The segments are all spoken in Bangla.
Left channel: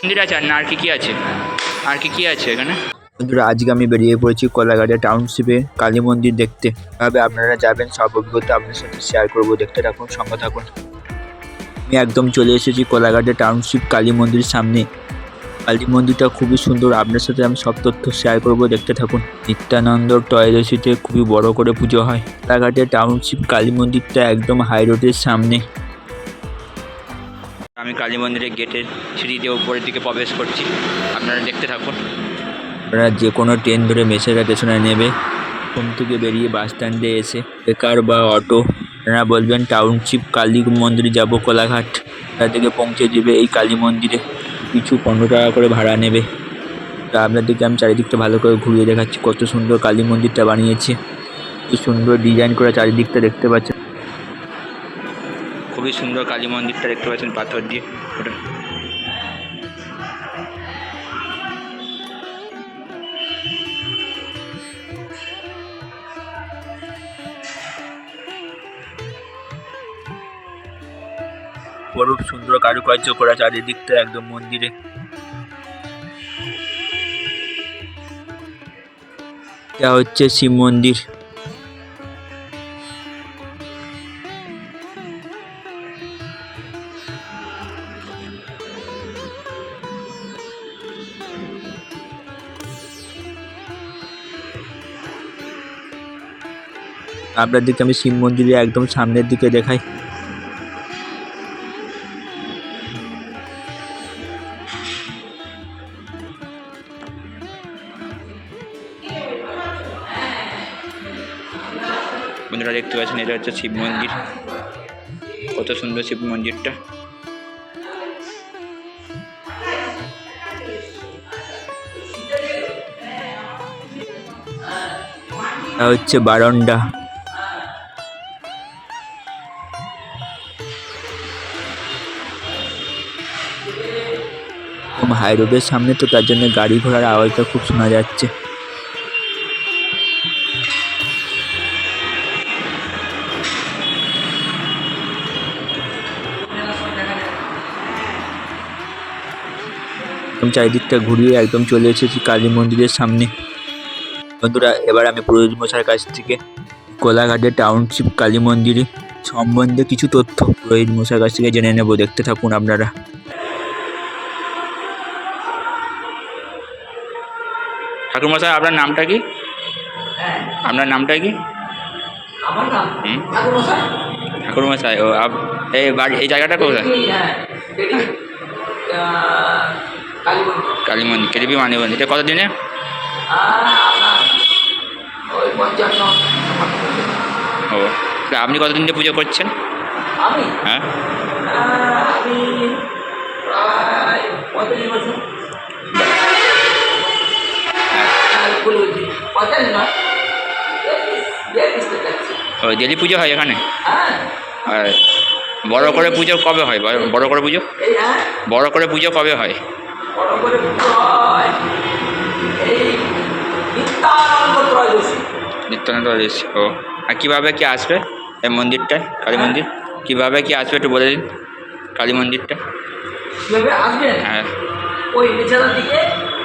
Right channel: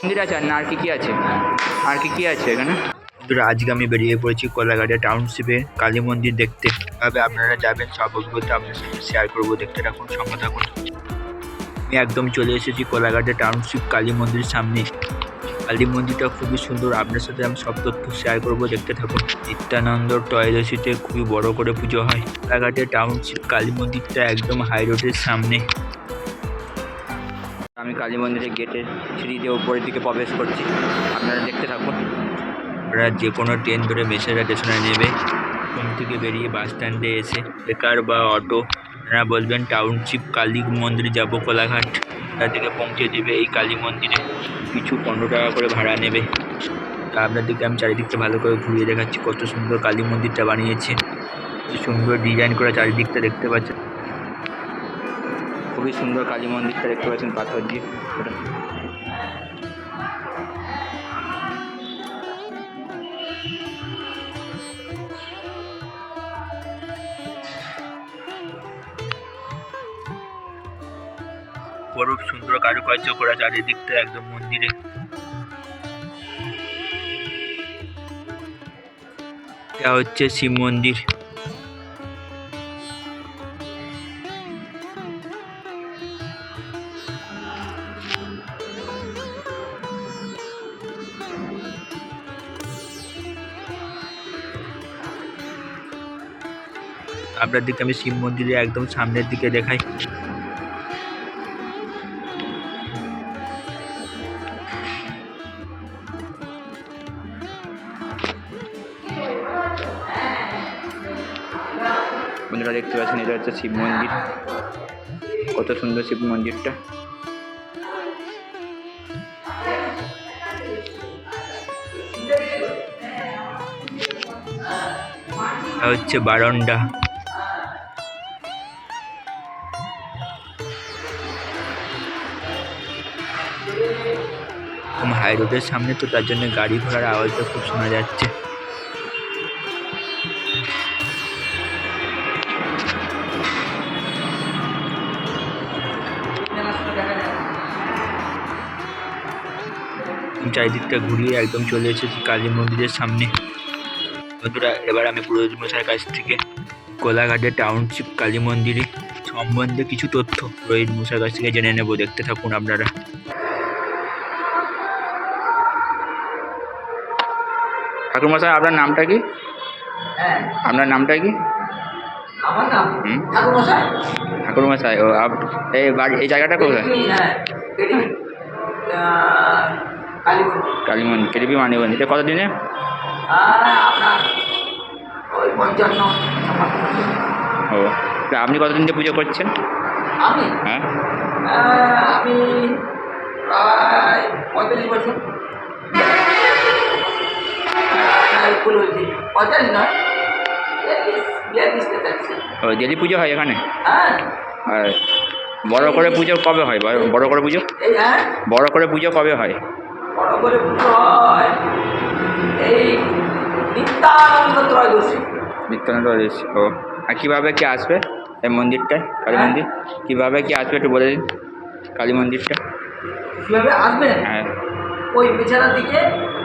মন্দির আছে আর না আর কি আছে? আর কি আছে এখানে? বন্ধুরা, আজকে আমি বেরিয়ে পড়েছি কোলাঘাটে টাউনশিপে কালী মন্দির দেখতে। তবে আপনারা যাবেন, সব অভিজ্ঞতা আপনার সাথে শেয়ার করবো। দেখতে থাকুন, সঙ্গে থাকুন। আমি একদম চলে এসেছি কোলাঘাটে টাউনশিপ কালী মন্দিরের সামনে। কালী মন্দিরটা খুবই সুন্দর, আপনার সাথে আমি সব তথ্য শেয়ার করবো। দেখতে থাকুন। নিত্যানন্দ টয়লেসিতে খুবই বড় করে পুজো হয়। কোলাঘাটে টাউনশিপ কালী মন্দিরটা একদম হাই রোডের সামনে। আমি কালী মন্দিরের গেটের সিঁড়ি দিয়ে উপরের দিকে প্রবেশ করছি, আপনারা দেখতে থাকুন। আপনারা যে কোনো ট্রেন ধরে মেসেরা স্টেশনে নেবে। ওখান থেকে বেরিয়ে বাস স্ট্যান্ডে এসে বেকার বা অটো আপনারা বলবেন টাউনশিপ কালী মন্দিরে যাব কোলাঘাট। তা থেকে পৌঁছে দেবে এই কালী মন্দিরে। কিছু 15 টাকা করে ভাড়া নেবে। তা আপনাদেরকে আমি চারিদিকটা ভালো করে ঘুরিয়ে দেখাচ্ছি। কত সুন্দর কালী মন্দিরটা বানিয়েছে, কি সুন্দর ডিজাইন করে চারিদিকটা দেখতে পাচ্ছেন। খুবই সুন্দর কালী মন্দিরটা দেখতে পাচ্ছেন, পাথর দিয়ে। খুব সুন্দর কারুকার্য করা চারিদিকটা একদম মন্দিরে। এটা হচ্ছে শিব মন্দির। আপনাদেরকে আমি শিব মন্দিরে একদম সামনের দিকে দেখাই। বন্ধুরা দেখতে পাচ্ছেন, এটা হচ্ছে শিব মন্দির। কত সুন্দর শিব মন্দিরটা। এটা হচ্ছে বারান্দা। হাই রোডের সামনে তো, তার জন্য গাড়ি ঘোড়ার আওয়াজটা খুব শোনা যাচ্ছে। চারিদিকটা ঘুরিয়ে একদম চলে এসেছি কালী মন্দিরের সামনে। বন্ধুরা, এবার আমি পুরোহিত মশাইয়ের কাছ থেকে কোলাঘাটে টাউনশিপ কালী মন্দিরে সম্বন্ধে কিছু তথ্য পুরোহিত মশাইয়ের কাছ থেকে জেনে নেব। দেখতে থাকুন আপনারা। ঠাকুরমশাই, আপনার নামটা কি? আপনার নামটা কি? আমার নাম ঠাকুরমশাই। ঠাকুরমশাই, ও এই বাড়ি, এই জায়গাটা কোথায়? কালী মন্দির, কেডিপি মানিবন্দি। এটা কতদিনে? ও, আপনি কতদিন দিয়ে পুজো করছেন? হ্যাঁ, আমি প্রায় 45 বছর। ও, ডেলি পুজো হয় এখানে? আর বড় করে পুজো কবে হয়? বড় করে পুজো, বড় করে পুজো কবে হয়? বড় করে পুজো হয় এই নিত্যানন্দ ত্রয়োদশী। নিত্যানন্দ ত্রয়োদশী। ও, আর কীভাবে কি আসবে এই মন্দিরটায়, কালী মন্দির? কীভাবে কি আসবে একটু বলে দিন কালী মন্দিরটা। কীভাবে আসবেন? হ্যাঁ, ওই বিছানার দিকে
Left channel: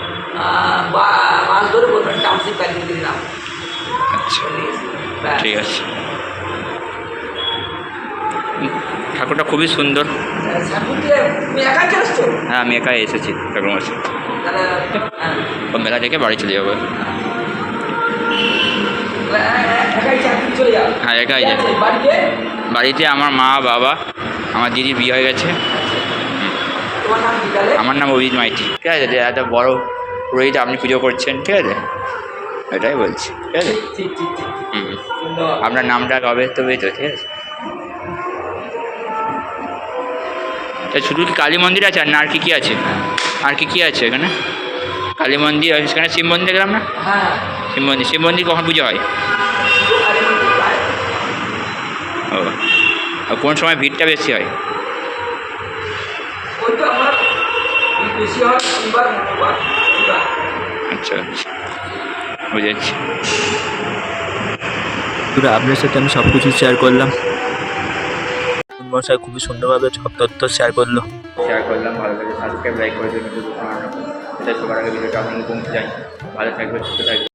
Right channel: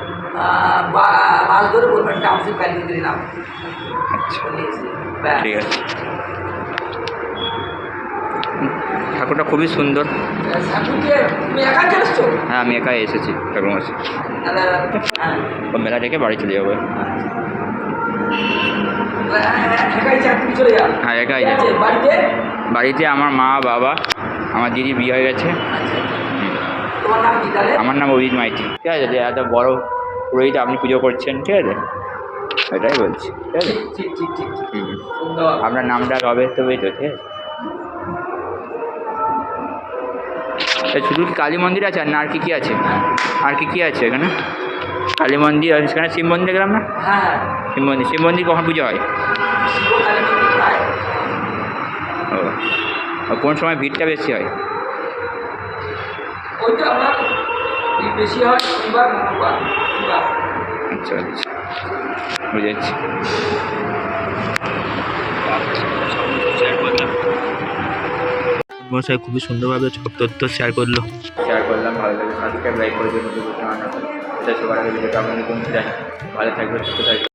বাস ধরে বলবেন টাউনশিপ কালী মন্দিরের নাম। আচ্ছা, ঠিক আছে। ঠাকুরটা খুবই সুন্দর। হ্যাঁ, আমি একাই এসেছি ঠাকুরমশাই। ও মেলা দেখে বাড়ি চলে যাবো। হ্যাঁ, একাই যাই। বাড়িতে আমার মা, বাবা, আমার দিদির বিয়ে হয়ে গেছে। আমার নাম অভিজিৎ মাইতি। ঠিক আছে, যে এত বড় পুরোহিত আপনি পুজো করছেন, ঠিক আছে, এটাই বলছি। ঠিক আছে, আপনার নামটা কবে তবেই তো। ঠিক আছে, শুধু কি কালী মন্দির আছে আর না আর কি আছে? আর কি আছে এখানে? কালী মন্দির, সেখানে শিব মন্দির গেলাম না? শিব মন্দির, শিব মন্দির কখন পুজো হয়? ও, কোন সময় ভিড়টা বেশি হয়? আচ্ছা আচ্ছা, বুঝেছি। আপনার সাথে আমি সব কিছু শেয়ার করলাম। মশাই খুবই সুন্দরভাবে সব তথ্য শেয়ার করলাম ভালো লাগে সাবস্ক্রাইব লাইক করে জন্য এটা সবার আগে ভিডিওটা আপনাদের পৌঁছে যায়। ভালো থাকবে সুস্থ থাকবে।